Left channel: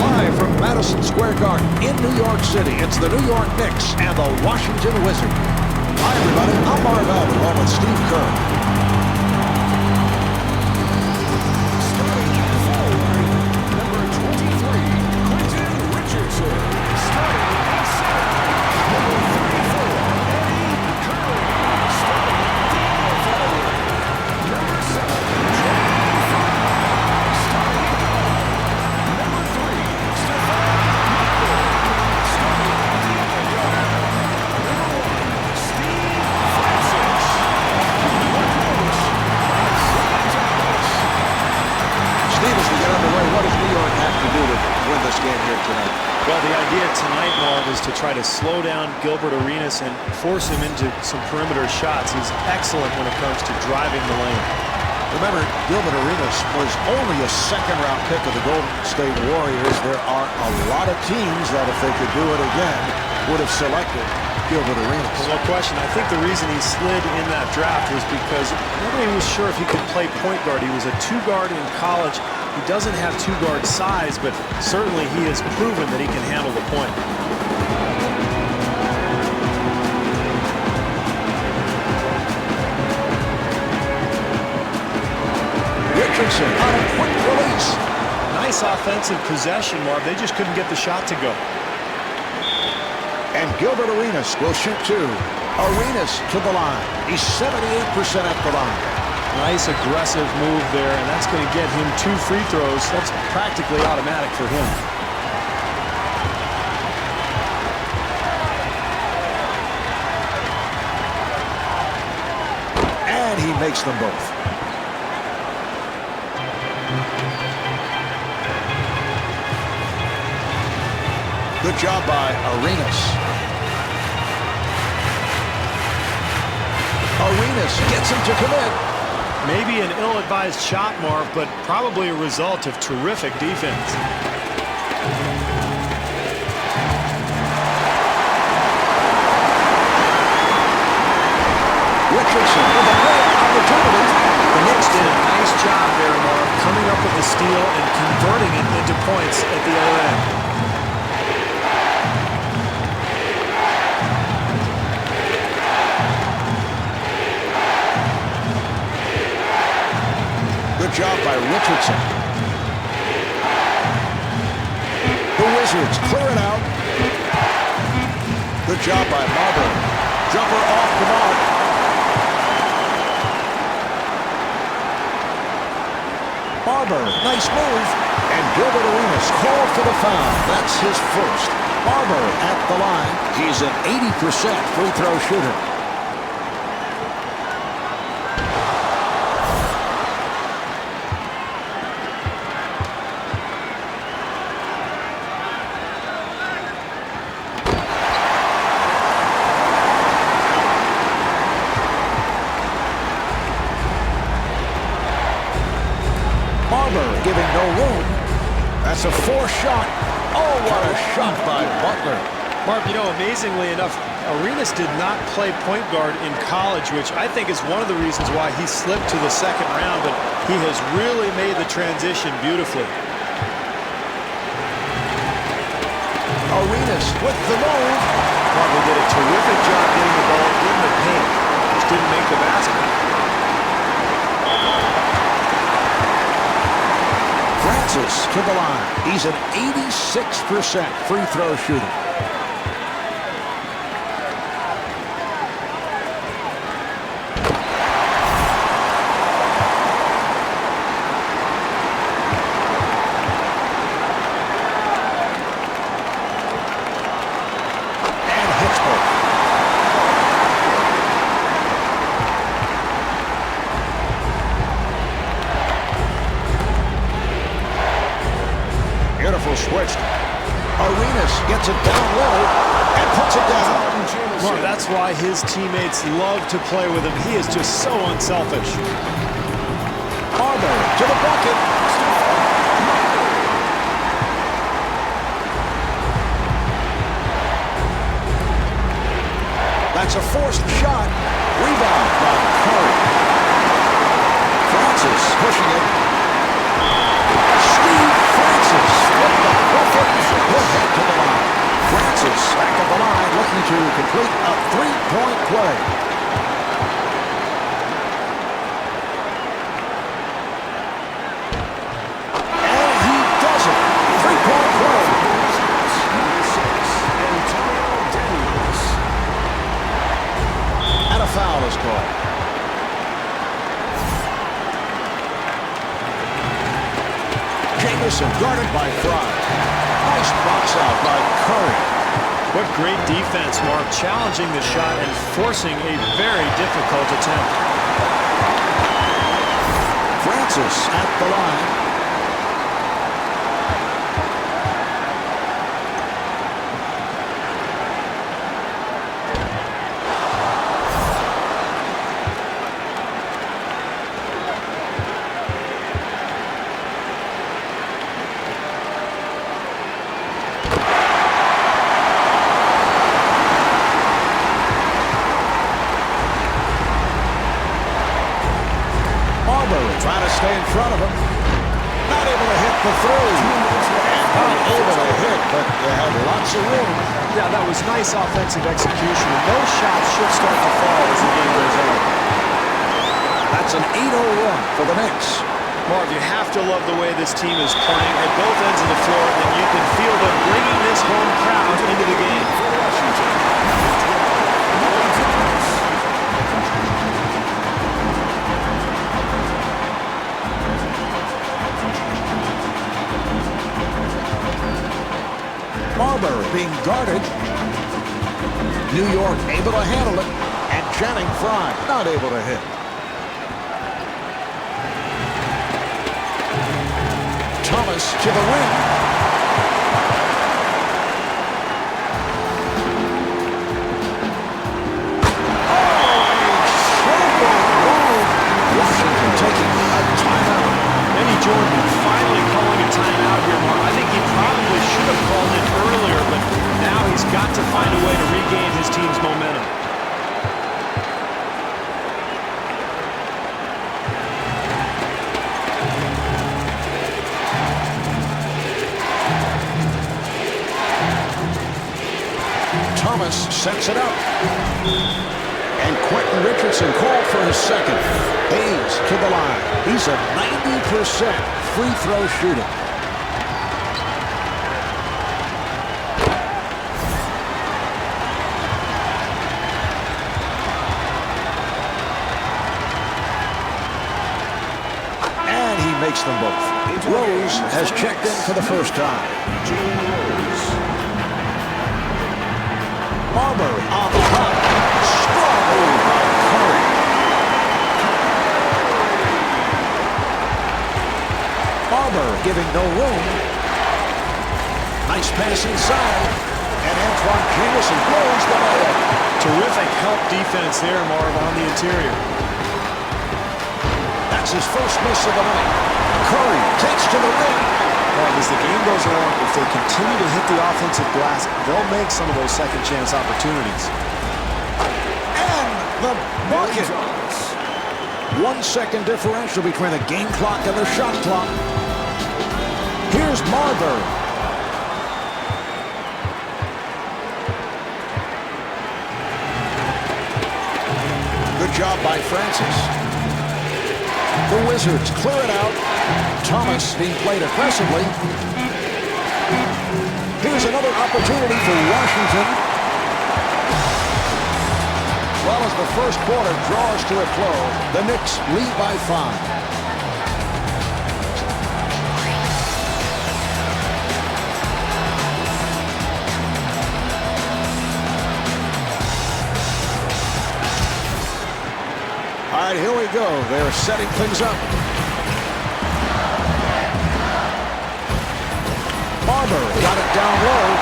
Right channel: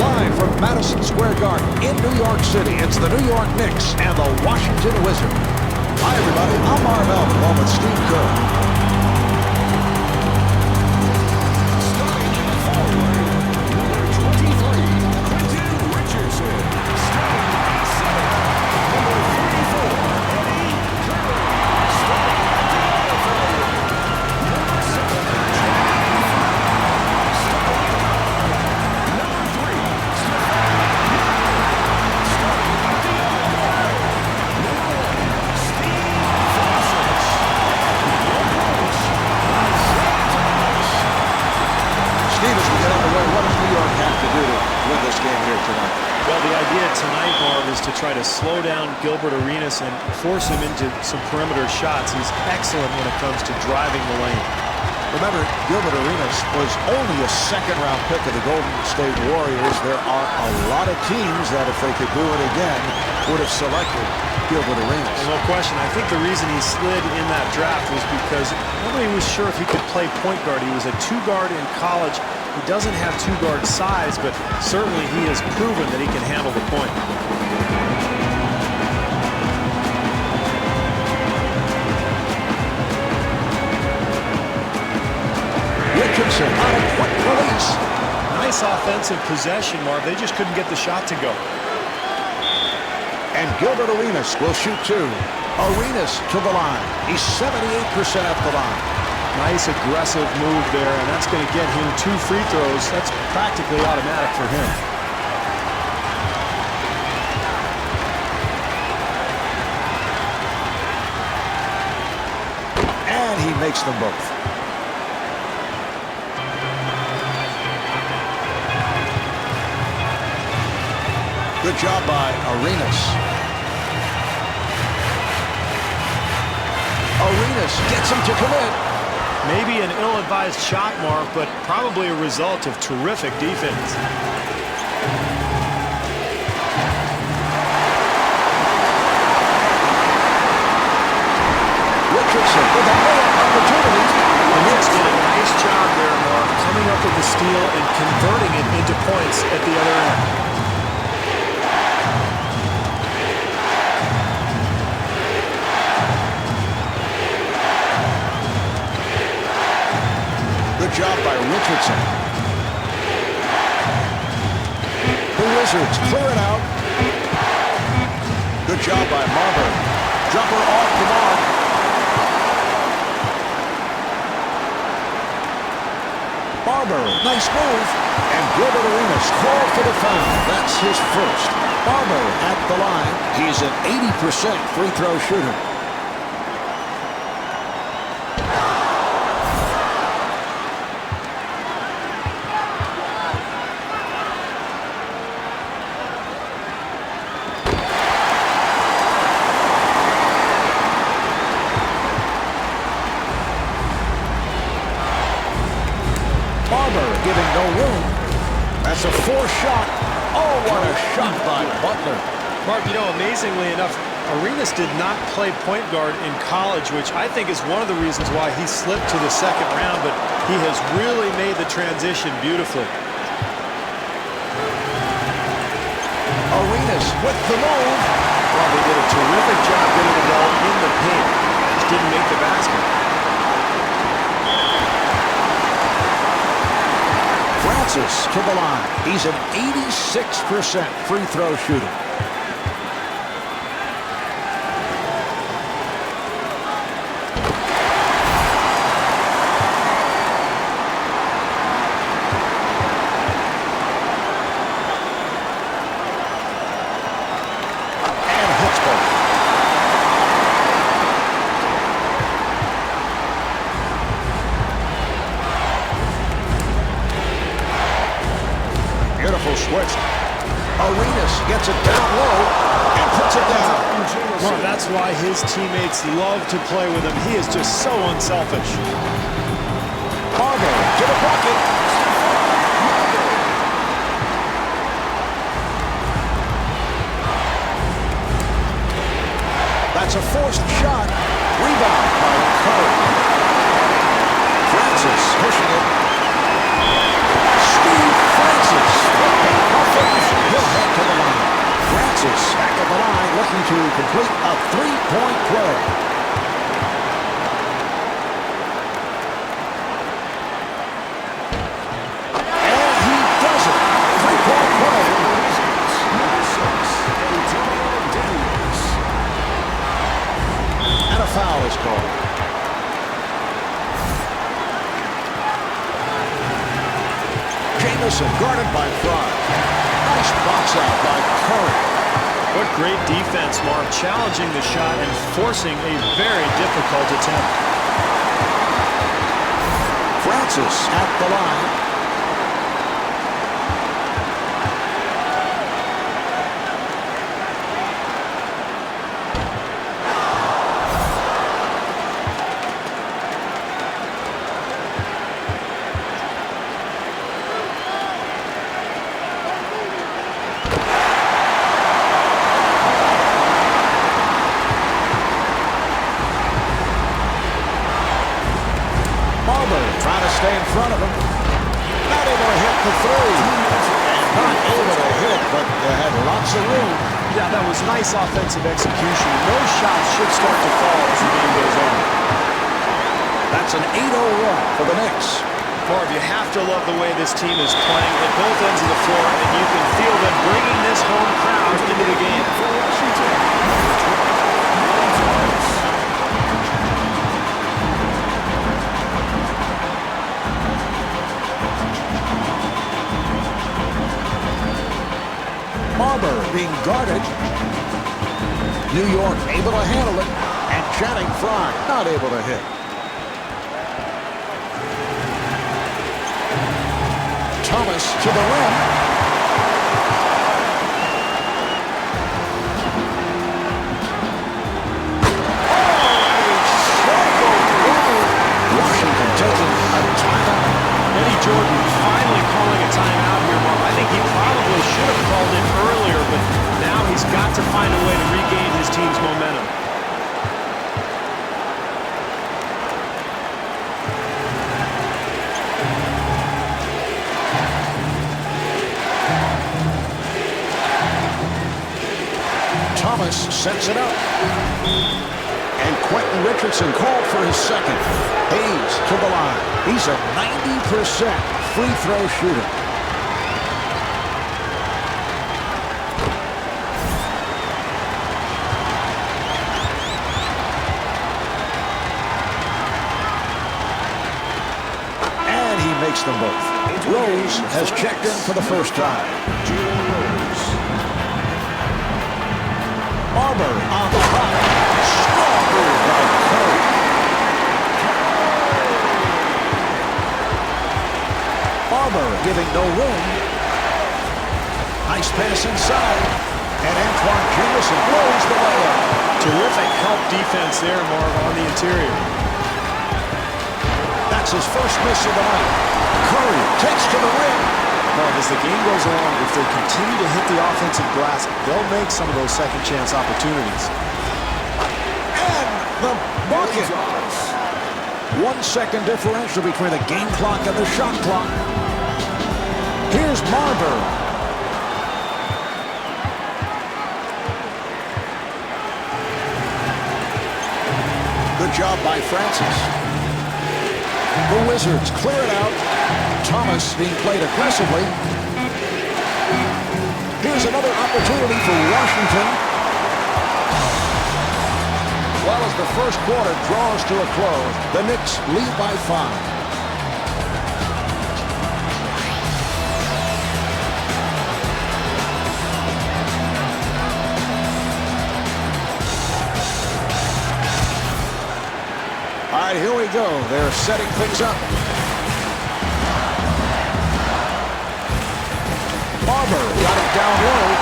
Live from Madison Square Garden in New York City, it's the New York Knicks and the Washington Wizards. Hi, everybody. I'm Marv Albert, along with Steve Kerr. Starting at forward, number 23, Quentin Richardson. Starting at center, number 34, Eddie Curry. Starting at the other forward, number 7, Channing Frye. Starting at guard, number 3, Stephon Marbury. Starting at the other guard, number 1, Steve Francis. And your coach, Isaiah Thomas. Steve, as we get underway, what does New York have to do to win this game here tonight? Well, the idea tonight, Marv, is to try to slow down Gilbert Arenas and force him into some perimeter shots. He's excellent when it comes to driving the lane. Remember, Gilbert Arenas was only a second-round pick of the Golden State Warriors. There are a lot of teams that, if they could do it again, would have selected Gilbert Arenas. Well, no question. I think the reason he slid in that draft was because nobody was sure if he could play point guard. He was a two-guard in college. He doesn't have two-guard size, but certainly he has proven that he can handle the point. Richardson on a quick release. Nice offensive possession, Marv. They just couldn't get the shot to go. And Gilbert Arenas will shoot two. Arenas to the line. He's 78% at the line. Nice aggressive move there, and that's going to get him 2 free throws. That's practically automatic for him. And he makes them both. Good job by Arenas. Arenas gets him to commit. Maybe an ill-advised shot, Marv, but probably a result of terrific defense. Richardson with a layup opportunity. The Knicks did a nice job there, Marv, coming up with the steal and converting it into points at the other end. Good job by Richardson. The Wizards clear it out. Good job by Marbury. Jumper off the mark. Marbury, nice move. And Gilbert Arenas called for the foul. That's his first. Marbury at the line. He's an 80% free throw shooter. Marbury giving no room. That's a forced shot. Oh, what a shot by Butler. Marv, you know, amazingly enough, Arenas did not play point guard in college, which I think is one of the reasons why he slipped to the second round, but he has really made the transition beautifully. Arenas with the move. Marv, they did a terrific job getting the ball in the paint. Just didn't make the basket. Francis to the line. He's an 86% free throw shooter. And hits both. Beautiful switch. Arenas gets it down low and puts it down. Marv, that's why his teammates love to play with him. He is just so unselfish. Marbury to the bucket. Stephon Marbury. That's a forced shot. Rebound by Curry. Francis pushing it. Steve Francis with the football. He'll head to the line. Francis back at the line looking to complete a three-point play. And he does it. Three-point play. The Wizards, number 6, Antonio Daniels. And a foul is called. Jamison guarded by Fry. Nice box out by Curry. What great defense, Marv, challenging the shot and forcing a very difficult attempt. Francis at the line. Marbury trying to stay in front of him. Not able to hit the three. And not able to hit, but they had lots of room. Yeah, that was nice offensive execution, and those shots should start to fall as the game goes on. That's an 8-0 run for the Knicks. Marv, you have to love the way this team is playing at both ends of the floor, and you can feel them bringing this home crowd into the game. For Washington, number 12, Willie Thomas. Marbury being guarded. New York able to handle it. And Channing Frye not able to hit. Thomas to the rim. Oh, a showboat move. Washington taking a timeout. Eddie Jordan finally calling a timeout here, Marv. I think he probably should have called it earlier, but now he's got to find a way to regain his team's momentum. Thomas sets it up. And Quentin Richardson called for his second. Hayes to the line. He's a 90% free throw shooter. And he makes them both. Rose has checked in for the first time. Jalen Rose. Marbury on the hop. Strong move by Curry. Marbury giving no room. Nice pass inside. And Antoine Jamison blows the layup. Terrific help defense there, Marv, on the interior. That's his first miss of the night. Curry takes to the rim. Marv, as the game goes along, if they continue to hit the offensive glass, they'll make some of those second chance opportunities. And the bucket. 1 second differential between the game clock and the shot clock. Here's Marbury. Good job by Francis. The Wizards clear it out. Thomas being played aggressively. Here's another opportunity for Washington. Well, as the first quarter draws to a close, the Knicks lead by 5. All right, here we go. They're setting things up. Marbury got it down low.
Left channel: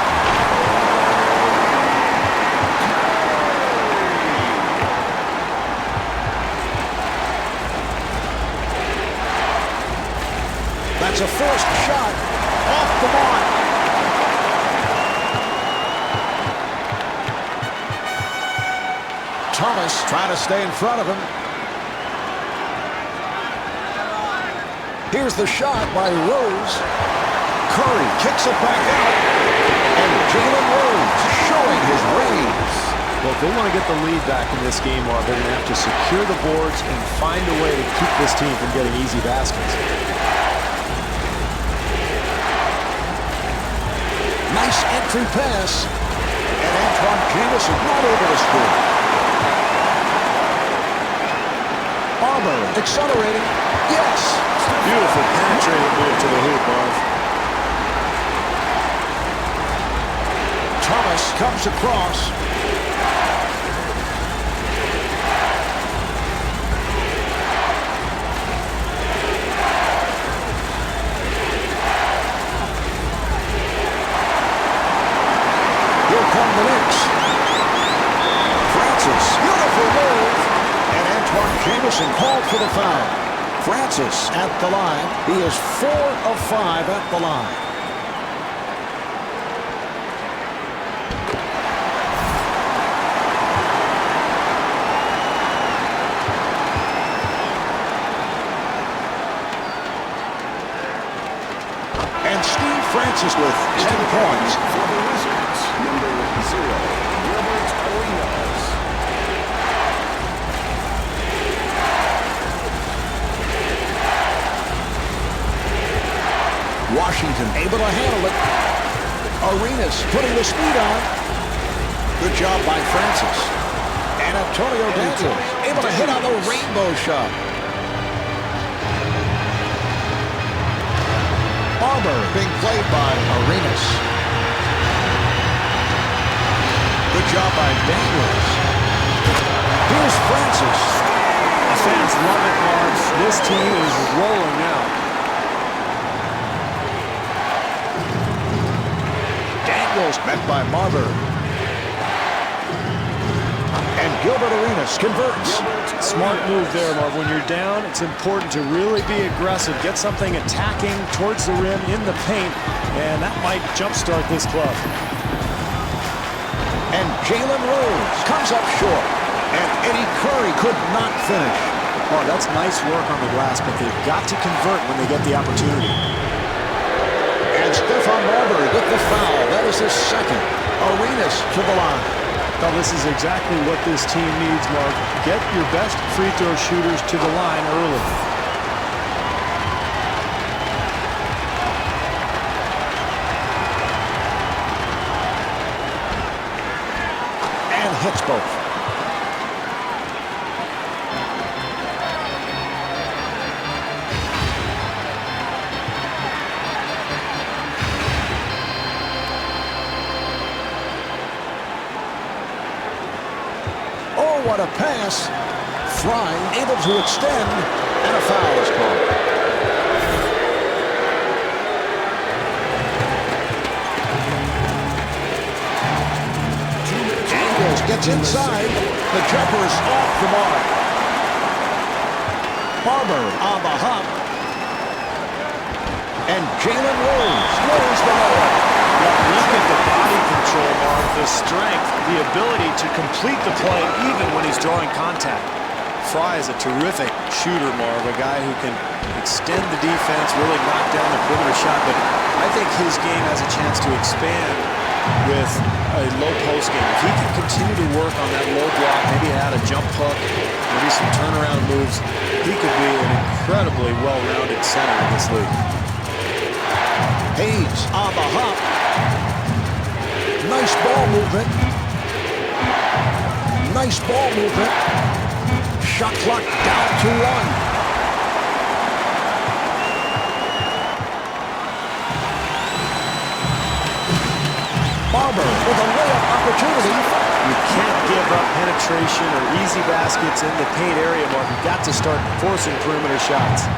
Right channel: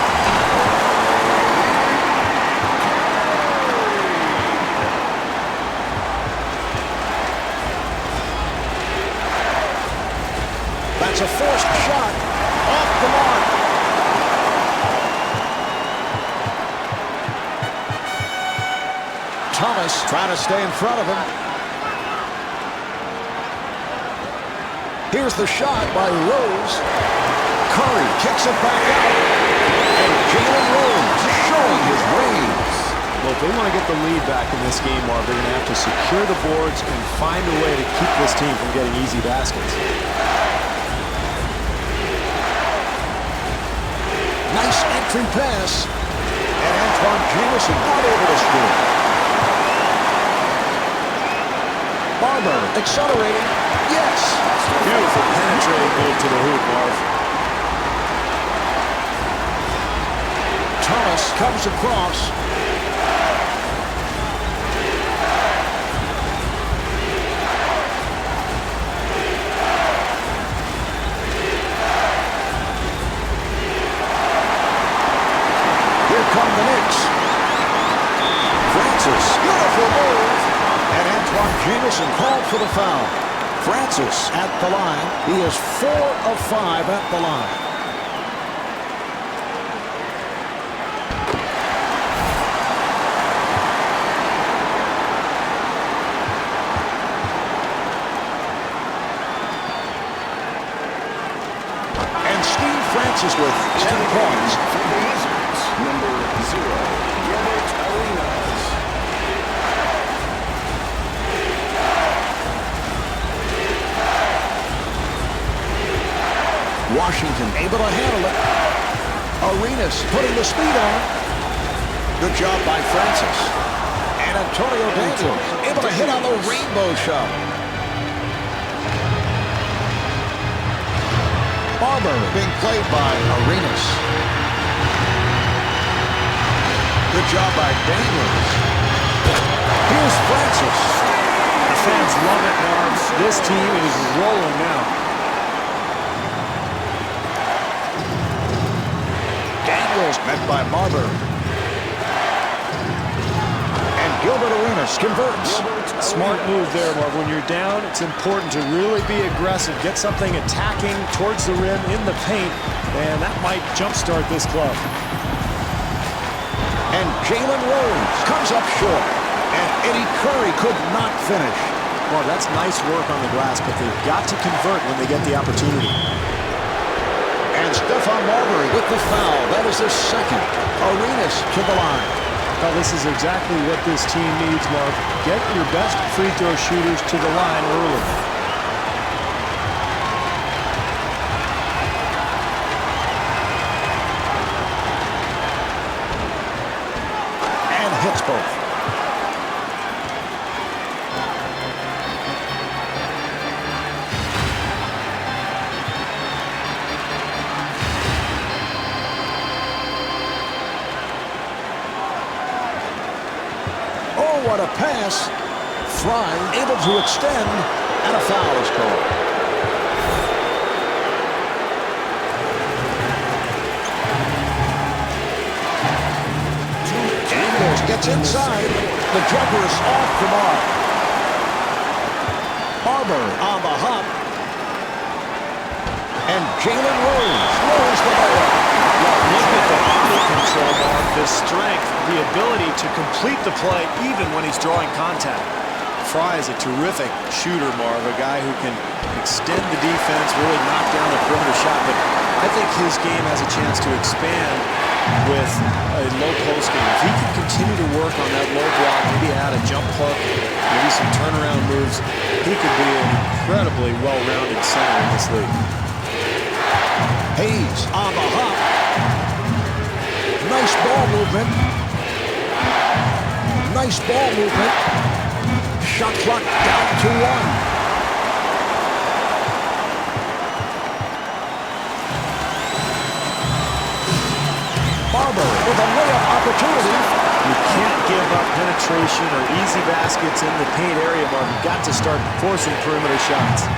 That's a forced shot off the mark. Thomas trying to stay in front of him. Here's the shot by Rose. Curry kicks it back out. And Jalen Rose showing his range. Well, if they want to get the lead back in this game, Marv, they're going to have to secure the boards and find a way to keep this team from getting easy baskets. Nice entry pass. And Antoine Jamison not able to score. Barber accelerating. Yes. Beautiful penetrating move to the hoop, Marv. Thomas comes across. Here come the Knicks. Francis, beautiful move. And Antoine Jamison called for the foul. Francis at the line. He is 4 of 5 at the line. And Steve Francis with 10 points. For the Wizards, number 0, Gilbert Arenas. Washington able to handle it. Arenas putting the speed on. Good job by Francis. And Antonio Daniels able to hit on the rainbow shot. Barber being played by Arenas. Good job by Daniels. Here's Francis. The fans love it, Marv. This team is rolling now. Daniels met by Barber. And Gilbert Arenas converts. Smart move there, Marv. When you're down, it's important to really be aggressive. Get something attacking towards the rim in the paint, and that might jumpstart this club. And Jalen Rose comes up short. And Eddie Curry could not finish. Marv, that's nice work on the glass, but they've got to convert when they get the opportunity. And Stephon Marbury with the foul. That is his second. Arenas to the line. Well, this is exactly what this team needs, Marv. Get your best free throw shooters to the line early. And hits both. Oh, what a pass. Fry able to extend, and a foul is called. Daniels gets inside. The jumper is off the mark. Barber on the hop. And Jalen Rose throws the layup. Well, look at the body control, Mark, the strength, the ability to complete the play even when he's drawing contact. Fry is a terrific shooter, Marv, a guy who can extend the defense, really knock down the perimeter shot, but I think his game has a chance to expand with a low post game. If he can continue to work on that low block, maybe add a jump hook, maybe some turnaround moves, he could be an incredibly well-rounded center in this league. Hayes on the hop. Nice ball movement. Nice ball movement. Shot clock down to 1. Barber with a layup opportunity. You can't give up penetration or easy baskets in the paint area, Mark. You've got to start forcing perimeter shots.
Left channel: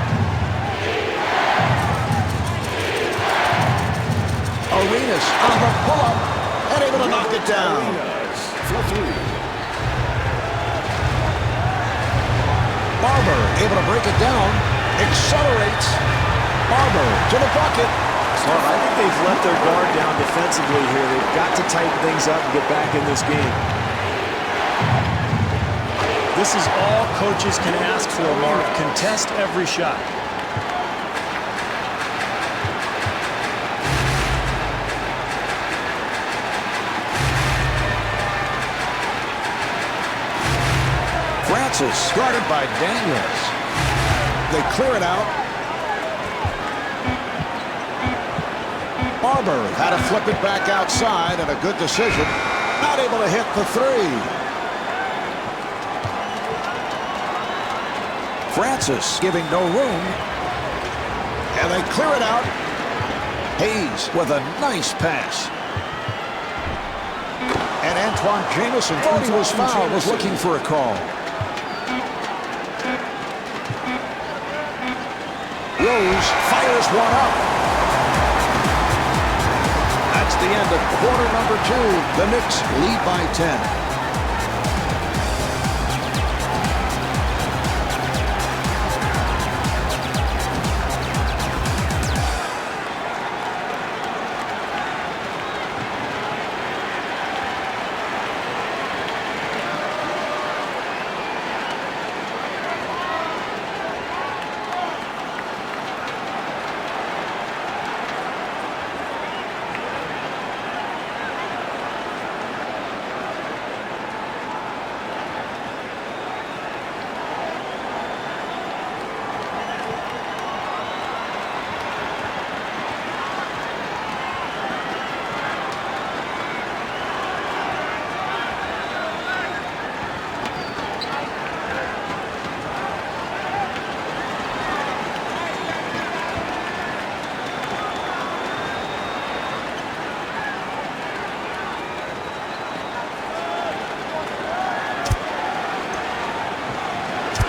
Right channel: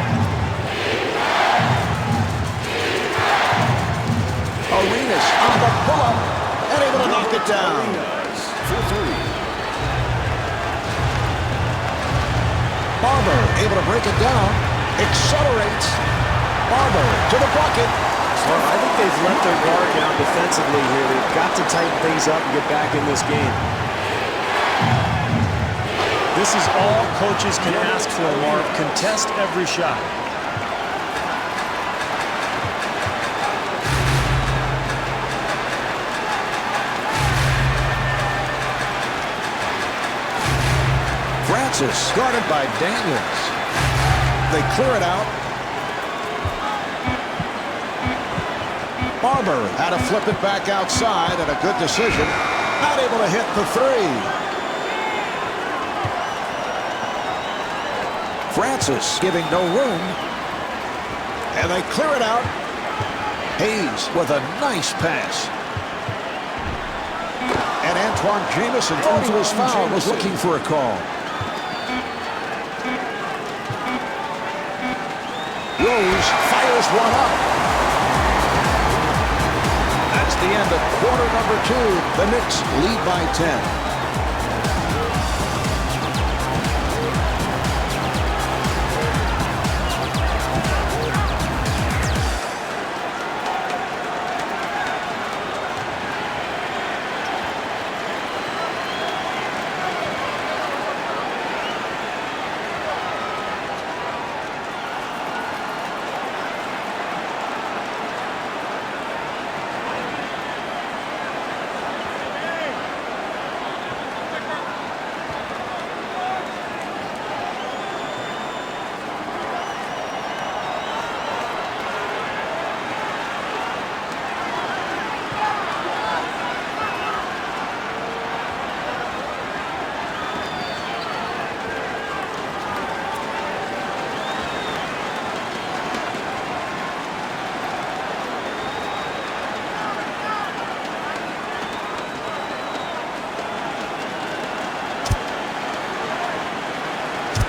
Arenas on the pull-up. And able to knock it down. Arenas for 3. Barber able to break it down. Accelerates. Barber to the bucket. Marv, I think they've let their guard down defensively here. They've got to tighten things up and get back in this game. This is all coaches can ask for, Marv. Contest every shot. Francis guarded by Daniels. They clear it out. Marbury had to flip it back outside, and a good decision. Not able to hit the three. Francis giving no room. And they clear it out. Hayes with a nice pass. And Antoine Jamison thought he was fouled, was looking for a call. Rose fires one up. That's the end of quarter number 2. The Knicks lead by 10.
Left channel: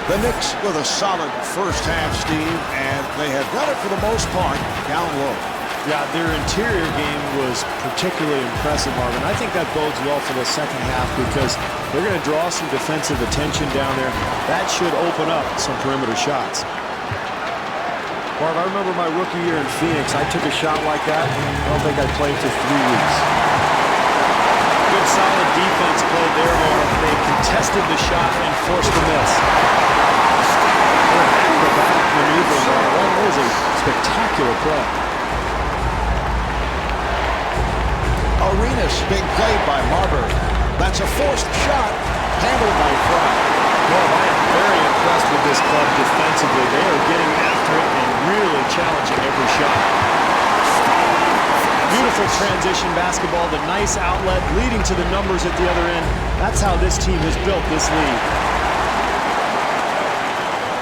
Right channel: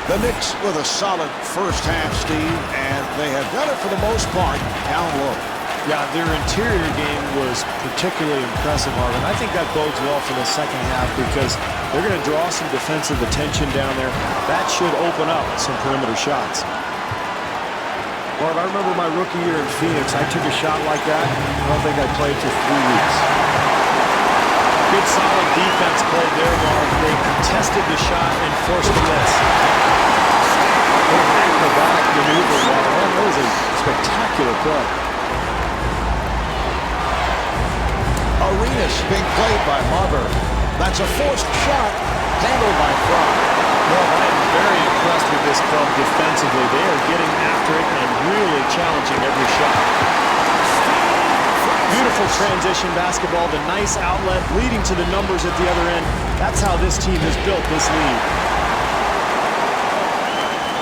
The Knicks with a solid first half, Steve, and they have done it for the most part down low. Yeah, their interior game was particularly impressive, Marvin. I think that bodes well for the second half because they're going to draw some defensive attention down there. That should open up some perimeter shots. Marv, I remember my rookie year in Phoenix. I took a shot like that. I don't think I played for 3 weeks. Good solid defense played there, Marv. They contested the shot and forced the miss. What an acrobatic maneuver, Marv. That was a spectacular play. Arenas being played by Marbury. That's a forced shot handled by Fry. Marv, I am very impressed with this club defensively. They are getting after it and really challenging every shot. Beautiful transition basketball, the nice outlet leading to the numbers at the other end. That's how this team has built this lead.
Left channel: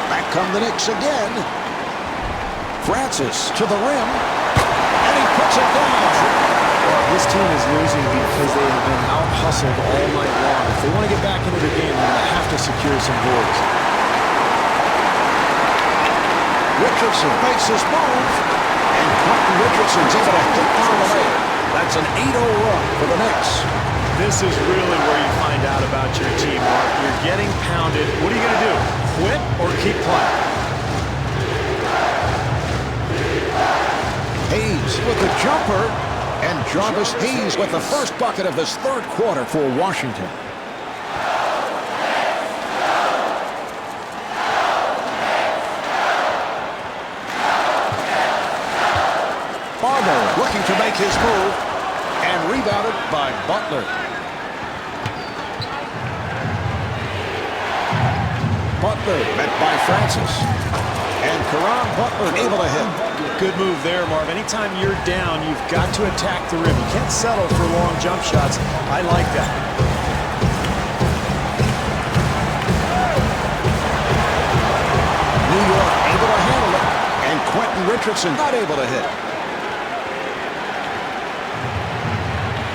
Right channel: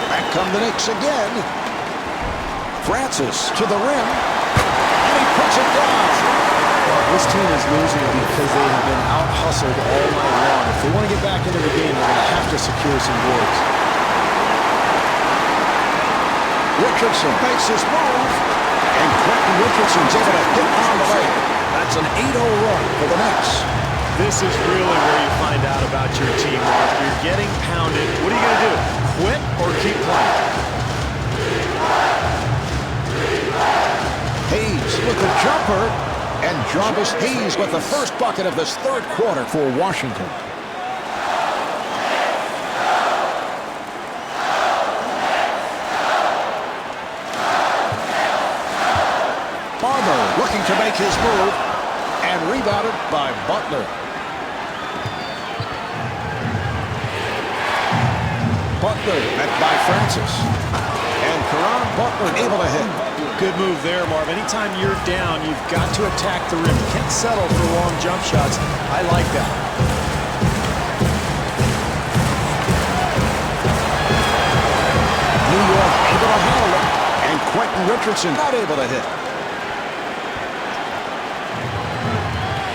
Back come the Knicks again. Francis to the rim, and he puts it down. Well, this team is losing because they have been out-hustled all night long. If they want to get back into the game, they're going to have to secure some boards. Richardson makes his move, and Quentin Richardson's able to hit on the layup. That's an 8-0 run for the Knicks. This is really where you find out about your team, Mark. You're getting pounded. What are you going to do? Quit or keep playing? Hayes with the jumper, and Jarvis Hayes with the first bucket of this third quarter for Washington. Barber looking to make his move, and rebounded by Butler. Butler met by Francis. And Caron Butler able to hit. Good move there, Marv. Anytime you're down, you've got to attack the rim. You can't settle for long jump shots. I like that. New York able to handle it. And Quentin Richardson not able to hit.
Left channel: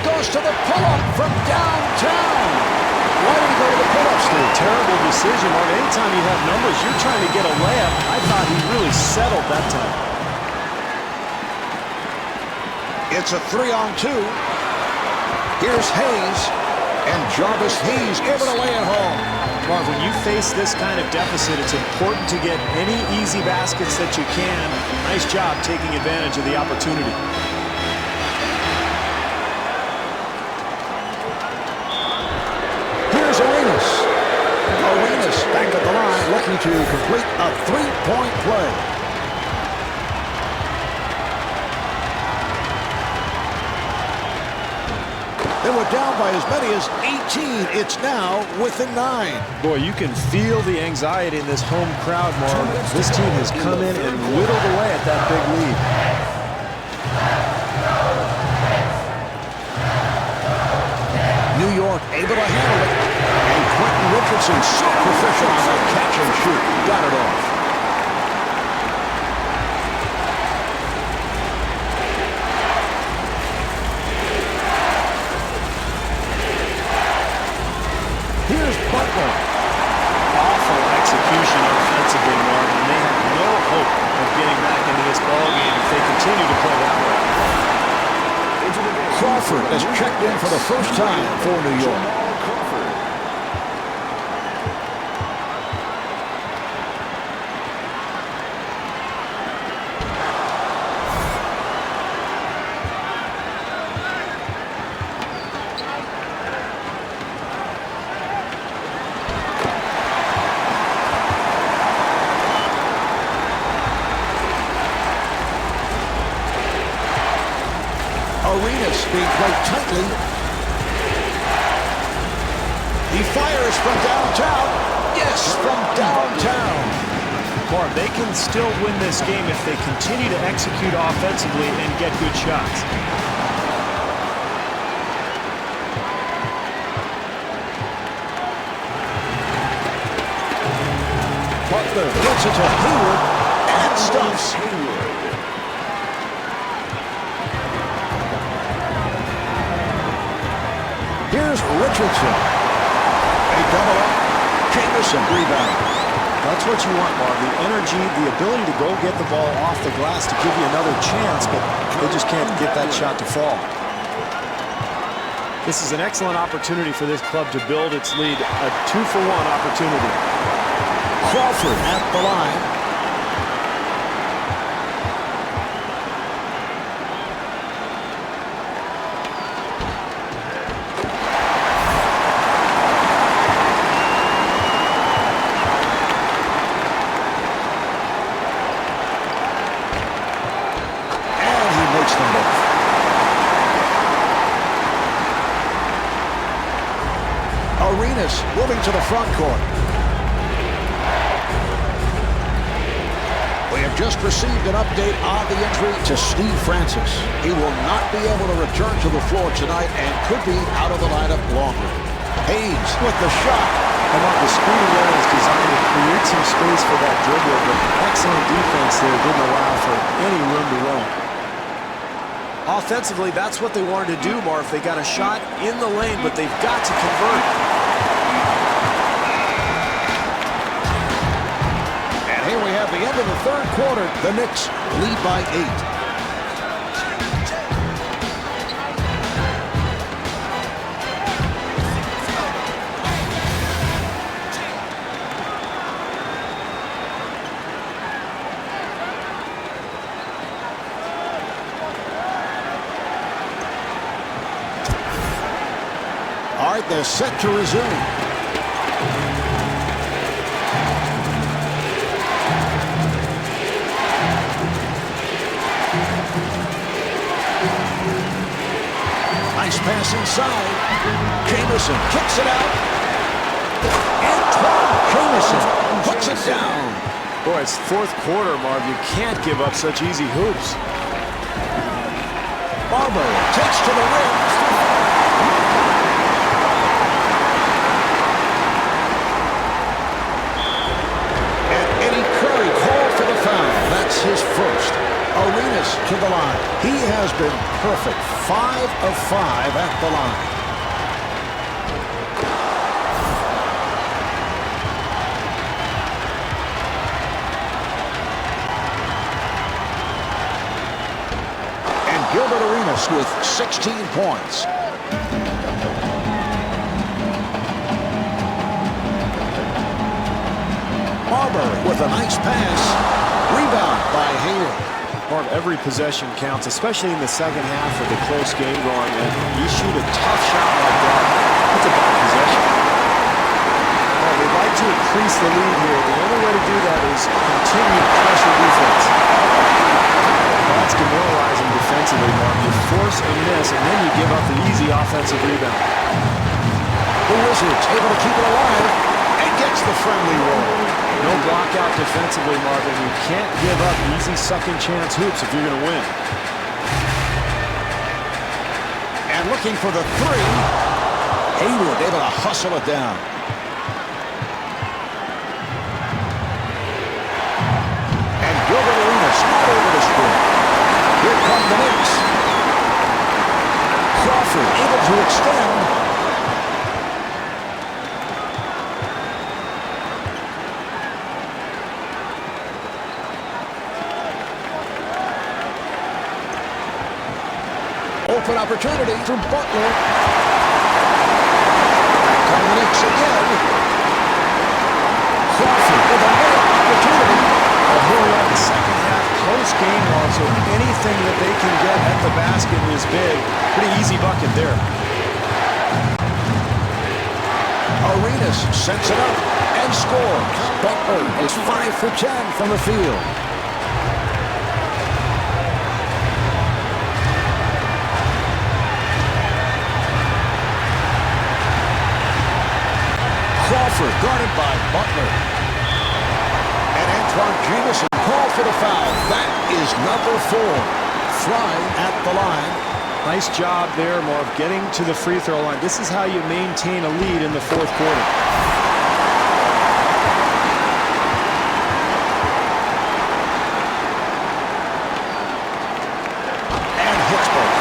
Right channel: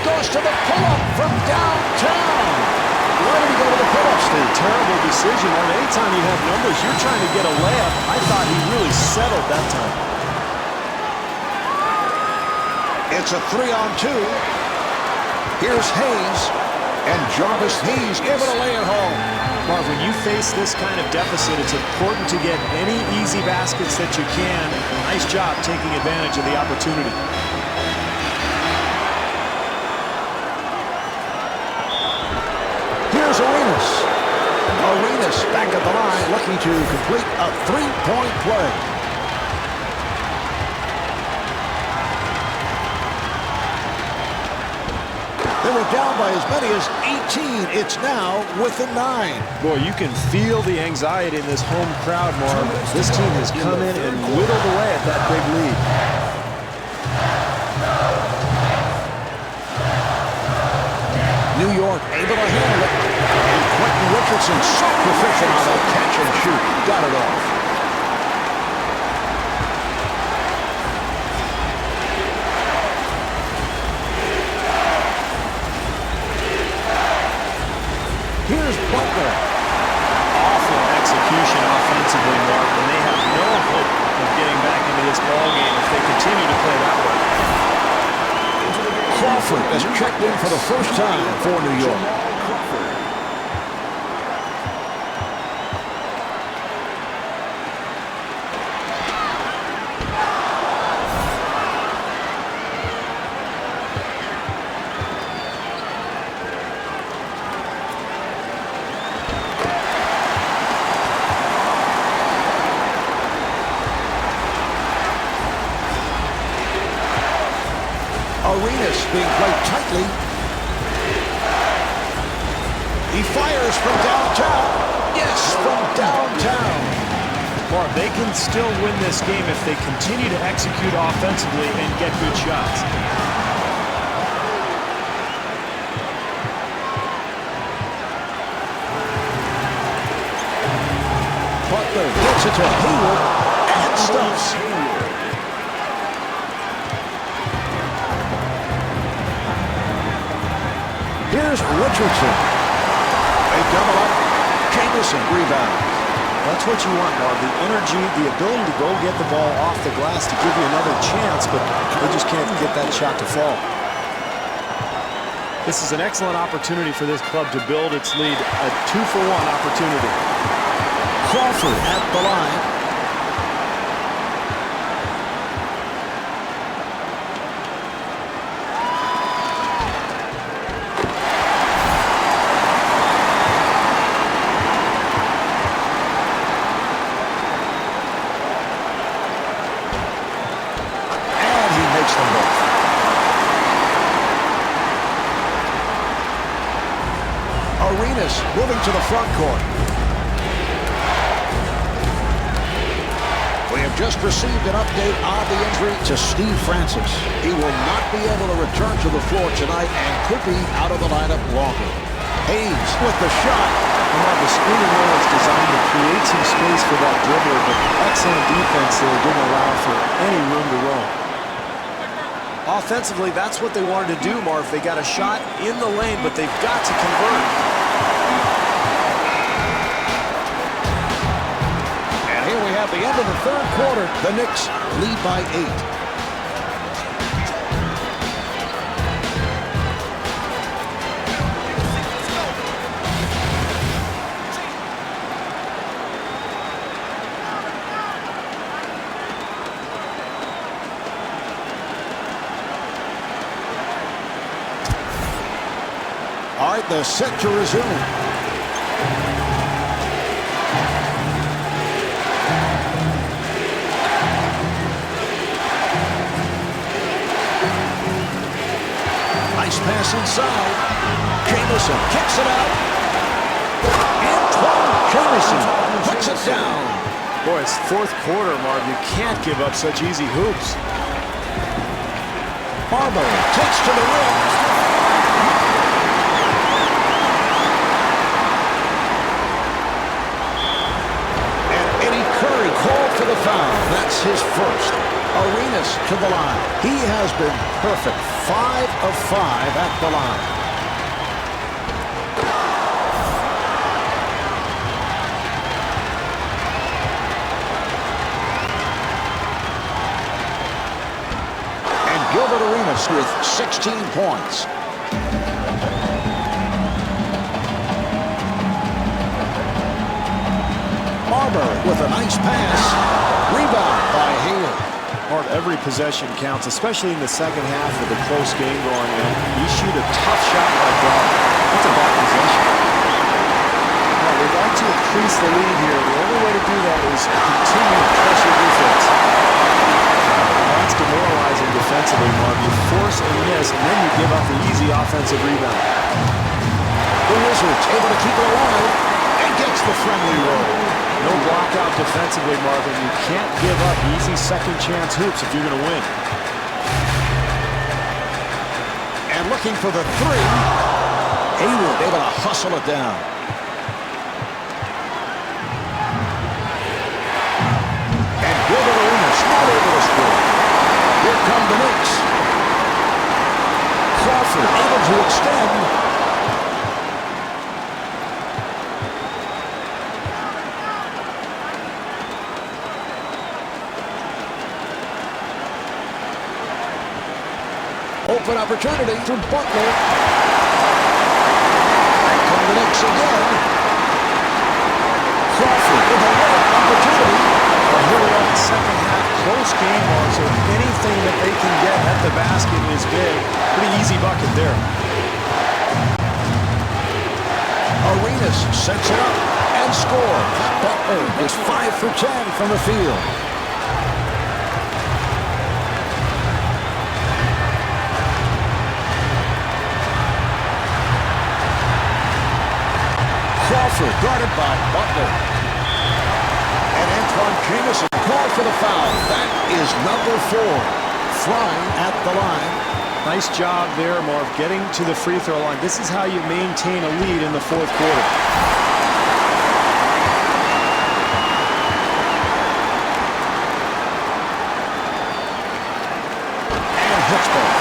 Goes to the pull-up from downtown. Why did he go to the pull-up, Steve? Terrible decision, Marv. Anytime you have numbers, you're trying to get a layup. I thought he really settled that time. It's a 3-on-2. Here's Hayes, and Jarvis Hayes able to lay it home. Marv, when you face this kind of deficit, it's important to get any easy baskets that you can. Nice job taking advantage of the opportunity. Here's Arenas. Arenas back at the line, looking to complete a three-point play. They were down by as many as 18. It's now within 9. Boy, you can feel the anxiety in this home crowd, Marv. This team has come in and whittled away at that big lead. New York able to handle it. And Quentin Richardson so proficient on that catch and shoot. Got it off. Here's Butler. Awful execution offensively, Marvin, and they have no hope of getting back into this ball game if they continue to play that way. Crawford has checked in for the first time for New York. Arenas being played tightly. He fires from downtown. Yes, from downtown. Marv, they can still win this game if they continue to execute offensively and get good shots. Butler gets it to Hayward and stuffs. Here's Richardson. They double up. Jamison rebounds. That's what you want, Marv. The energy, the ability to go get the ball off the glass to give you another chance, but they just can't get that shot to fall. This is an excellent opportunity for this club to build its lead. A 2-for-1 opportunity. Crawford at the line. Makes them both. Arenas moving to the front court. We have just received an update on the injury to Steve Francis. He will not be able to return to the floor tonight and could be out of the lineup longer. Hayes with the shot. Mark, the screening role is designed to create some space for that dribbler, but excellent defense there didn't allow for any room to roam. Offensively, that's what they wanted to do, Marv. They got a shot in the lane, but they've got to convert. And here we have the end of the third quarter. The Knicks lead by 8. All right, they're set to resume. Nice pass inside. Jamison kicks it out. Antoine Jamison puts it down. Boy, it's fourth quarter, Marv. You can't give up such easy hoops. Barber takes to the rim. Curry called for the foul. That's his first. Arenas to the line. He has been perfect. 5 of 5 at the line. And Gilbert Arenas with 16 points. Marbury with a nice pass. Rebound by Hayward. Marv, every possession counts, especially in the second half with a close game going, and you shoot a tough shot like that, that's a bad possession. Marv, they'd like to increase the lead here. The only way to do that is continued pressure defense. Well, that's demoralizing defensively, Marv. You force a miss, and then you give up the easy offensive rebound. The Wizards able to keep it alive and gets the friendly roll. No block out defensively, Marvin. You can't give up easy second chance hoops if you're going to win. And looking for the three. Hayward able to hustle it down. And Gilbert Arenas not able to score. Here come the Knicks. Crawford able to extend. Open opportunity for Butler. Back come the Knicks again. Crawford with a layup opportunity. Well, here we are in the second half. Close game, Mark, so anything that they can get at the basket is big. Pretty easy bucket there. Arenas sets it up and scores. Butler is 5 for 10 from the field. Crawford guarded by Butler. And Antoine Jamison called for the foul. That is number 4. Fry at the line. Nice job there, Marv, getting to the free throw line. This is how you maintain a lead in the fourth quarter. And hits both.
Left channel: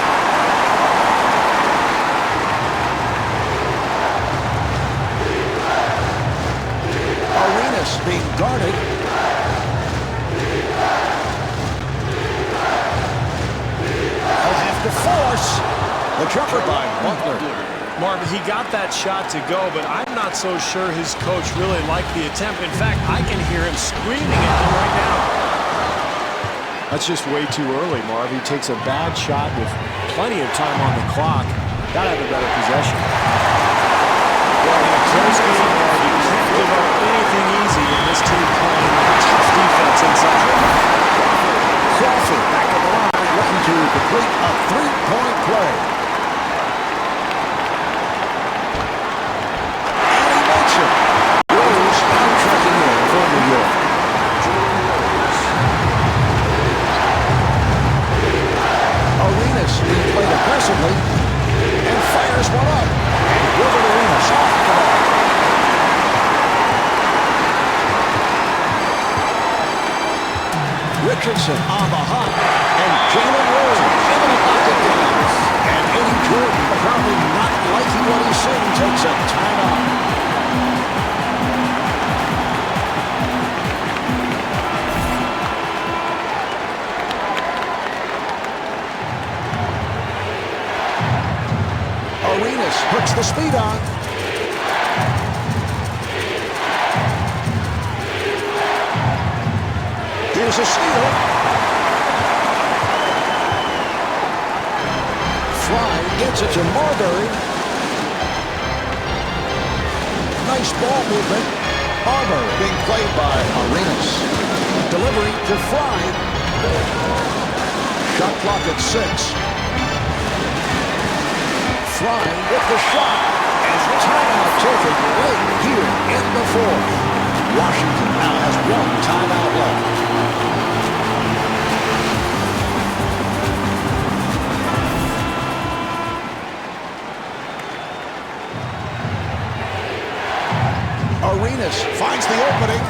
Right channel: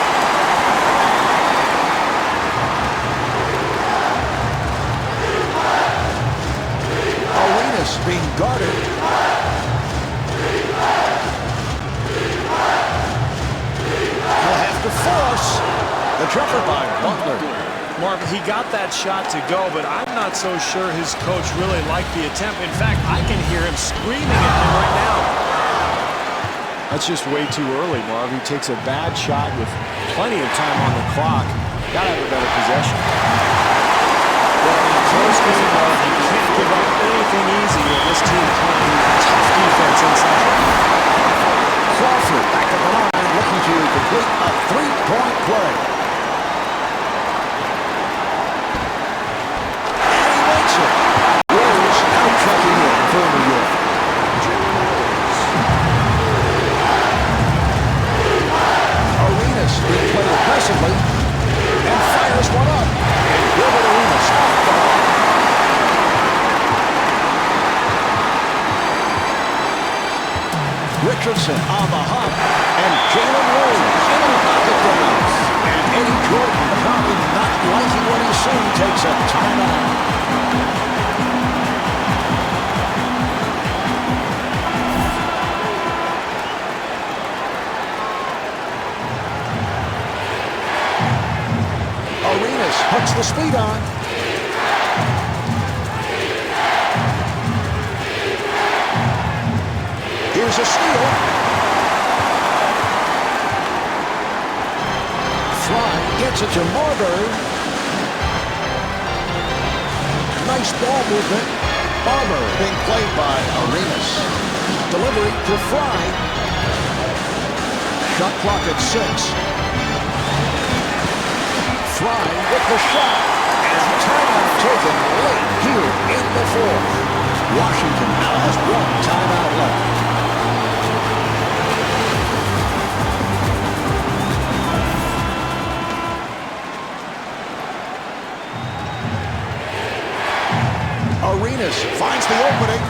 Arenas being guarded. He'll have to force the jumper by Butler. Marvin, he got that shot to go, but I'm not so sure his coach really liked the attempt. In fact, I can hear him screaming at him right now. That's just way too early, Marv. He takes a bad shot with plenty of time on the clock. Got to have a better possession. Well, in a close game, Marv, you can't give up anything easy, and this team playing tough defense inside. Crawford back at the line, looking to complete a three-point play. And he makes it. Rose now checking in for New York. Arenas being played aggressively and fires one up. And Gilbert Arenas off the mark. Richardson on the hop, and Jalen Rose able to knock it down. And Eddie Jordan, apparently not liking what he's seeing, takes a timeout. Arenas hooks the speed on. Here's a steal. Fry gets it to Marbury. Nice ball movement. Marbury being played by Arenas. Delivery to Fry. Shot clock at 6. Fry with the shot, and timeout taken late here in the fourth. Washington now has 1 timeout left. Arenas finds the opening.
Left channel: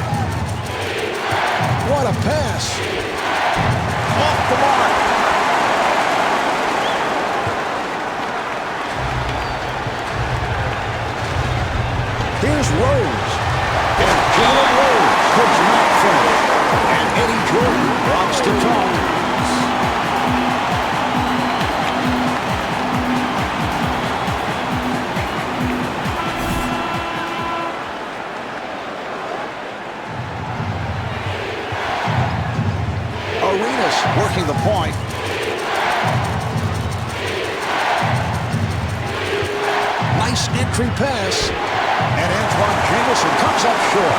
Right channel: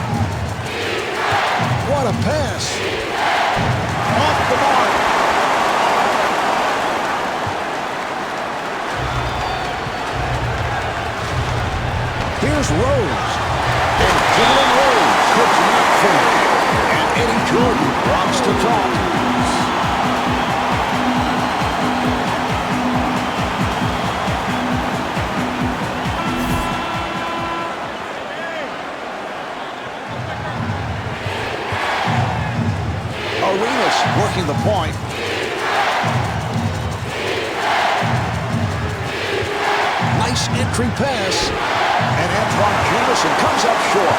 What a pass. Off the mark. Here's Rose, and Jalen Rose could not finish. And Eddie Jordan wants to talk. Arenas working the point. Nice entry pass. And Antoine Jamison comes up short.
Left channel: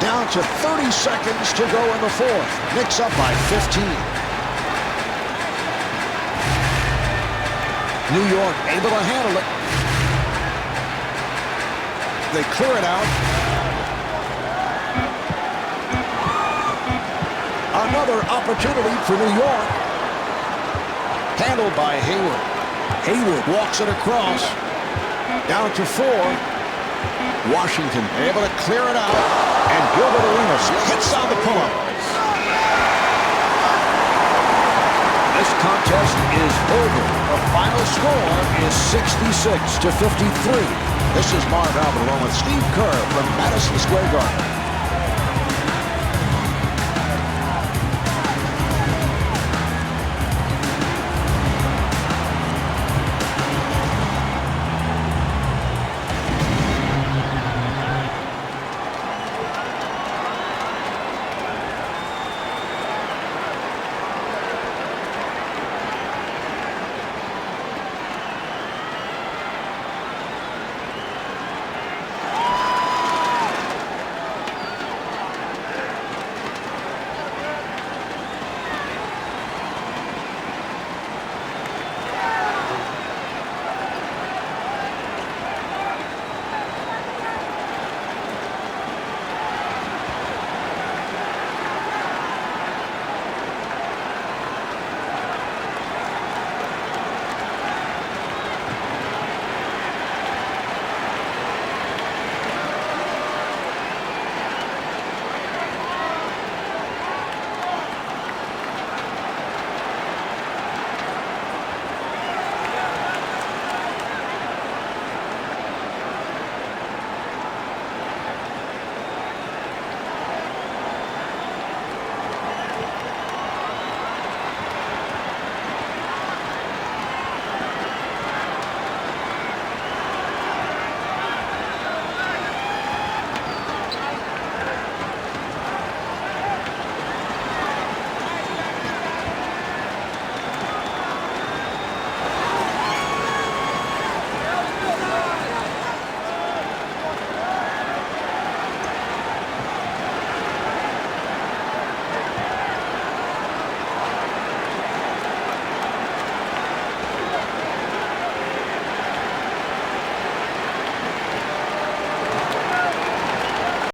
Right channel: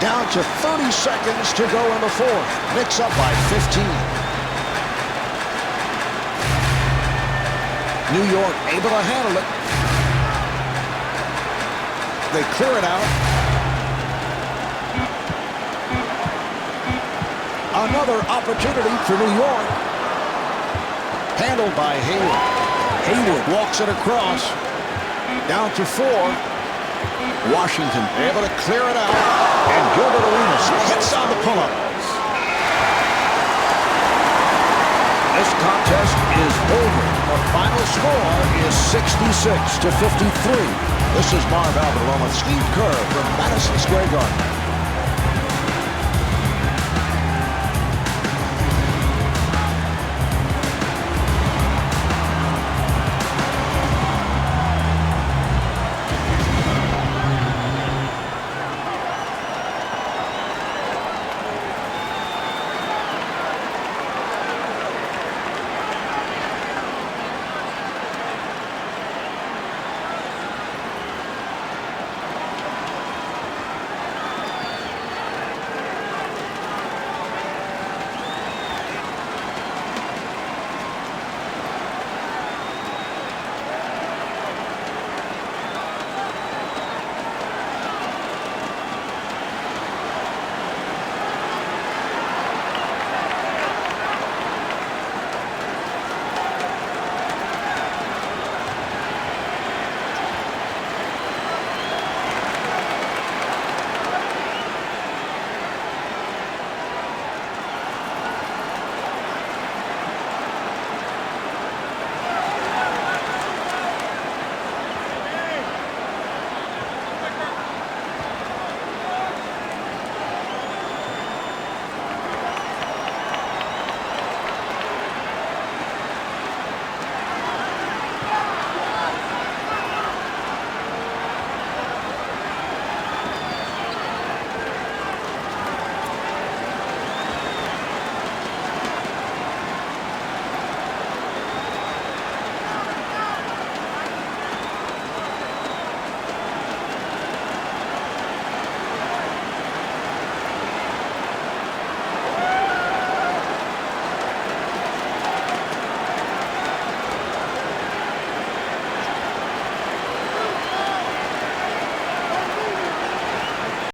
Down to 30 seconds to go in the fourth. Knicks up by 15. New York able to handle it. They clear it out. Another opportunity for New York. Handled by Hayward. Hayward walks it across. Down to 4. Washington able to clear it out. And Gilbert Arenas hits on the pull-up. This contest is over. The final score is 66-53. This is Marv Albert along with Steve Kerr from Madison Square Garden.